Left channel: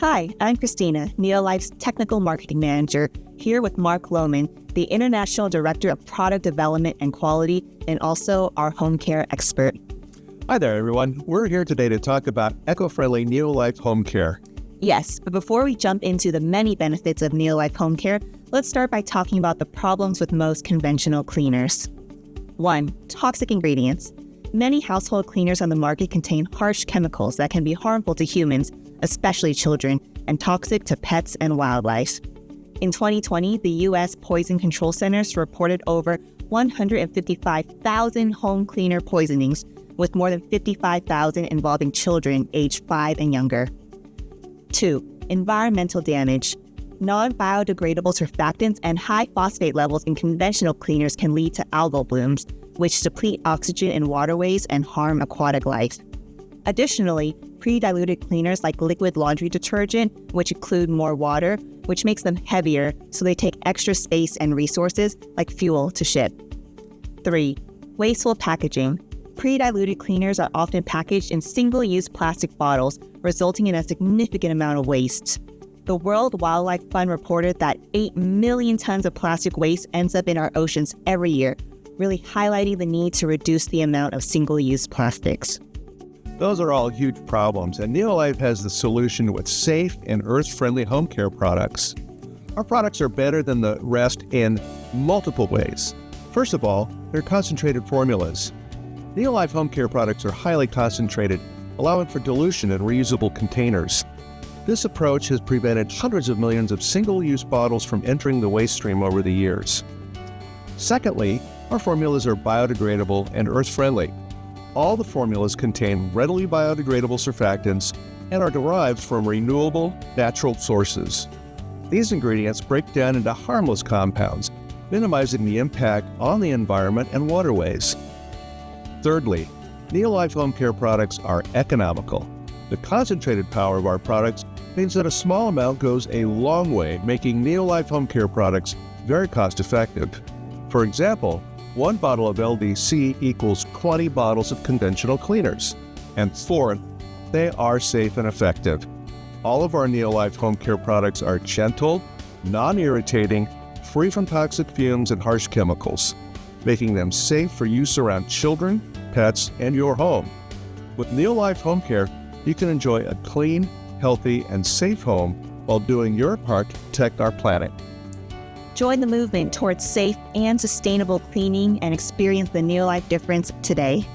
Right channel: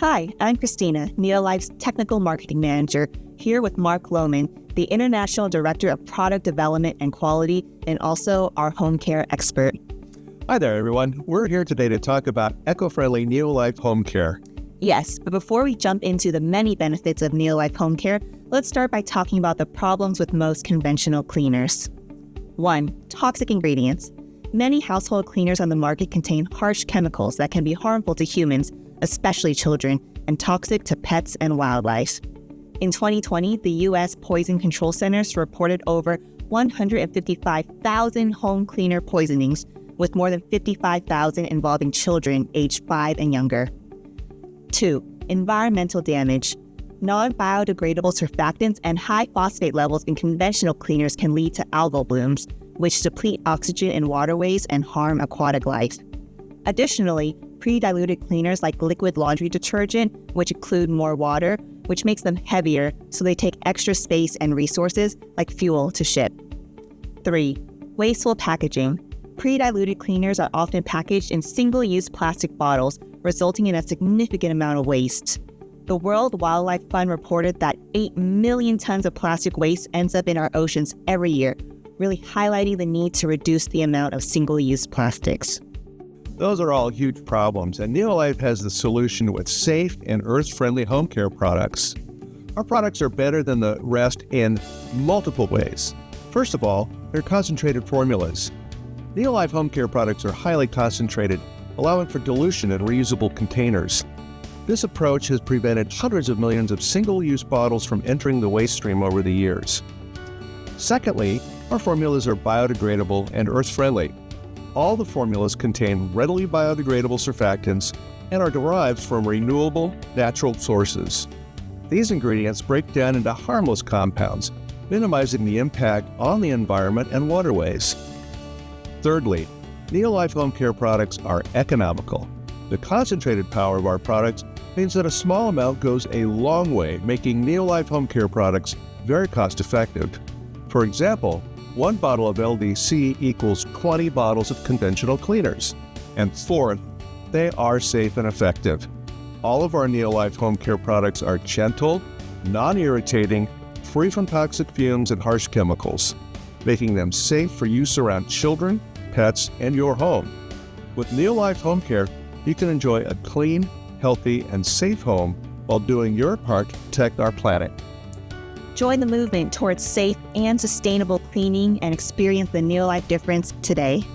Hi, I'm Christina, NeoLife's Technical Marketing Manager, here with Mark Lowman, the International Director of Product Development and Quality, and also our home care expert. Hi there, everyone. We're here today to talk about eco-friendly NeoLife home care. Yes, but before we jump into the many benefits of NeoLife home care, let's start by talking about the problems with most conventional cleaners. 1. Toxic ingredients. Many household cleaners on the market contain harsh chemicals that can be harmful to humans, especially children, and toxic to pets and wildlife. In 2020, the U.S. Poison Control Centers reported over 155,000 home cleaner poisonings, with more than 55,000 involving children aged 5 and younger. 2. Environmental damage. Non-biodegradable surfactants and high phosphate levels in conventional cleaners can lead to algal blooms, which deplete oxygen in waterways and harm aquatic life. Additionally, pre-diluted cleaners like liquid laundry detergent, which include more water, which makes them heavier, so they take extra space and resources like fuel to ship. 3. Wasteful packaging. Pre-diluted cleaners are often packaged in single-use plastic bottles, resulting in a significant amount of waste. The World Wildlife Fund reported that 8 million tons of plastic waste ends up in our oceans every year, really highlighting the need to reduce the amount of single-use plastics. Those are all huge problems, and NeoLife has the solution with safe and earth-friendly home care products. Our products are better than the rest in multiple ways. First of all, they're concentrated formulas. NeoLife home care products are highly concentrated, allowing for dilution in reusable containers. This approach has prevented hundreds of millions of single-use bottles from entering the waste stream over the years. Secondly, our formulas are biodegradable and earth-friendly. All the formulas contain readily biodegradable surfactants and are derived from renewable, natural sources. These ingredients break down into harmless compounds, minimizing the impact on the environment and waterways. Thirdly, NeoLife home care products are economical. The concentrated power of our products means that a small amount goes a long way, making NeoLife home care products very cost-effective. For example, 1 bottle of LDC equals 20 bottles of conventional cleaners. And fourth, they are safe and effective. All of our NeoLife home care products are gentle, non-irritating, free from toxic fumes and harsh chemicals, making them safe for use around children, pets, and your home. With NeoLife home care, you can enjoy a clean, healthy, and safe home while doing your part to protect our planet. Join the movement towards safe and sustainable cleaning and experience the NeoLife difference today.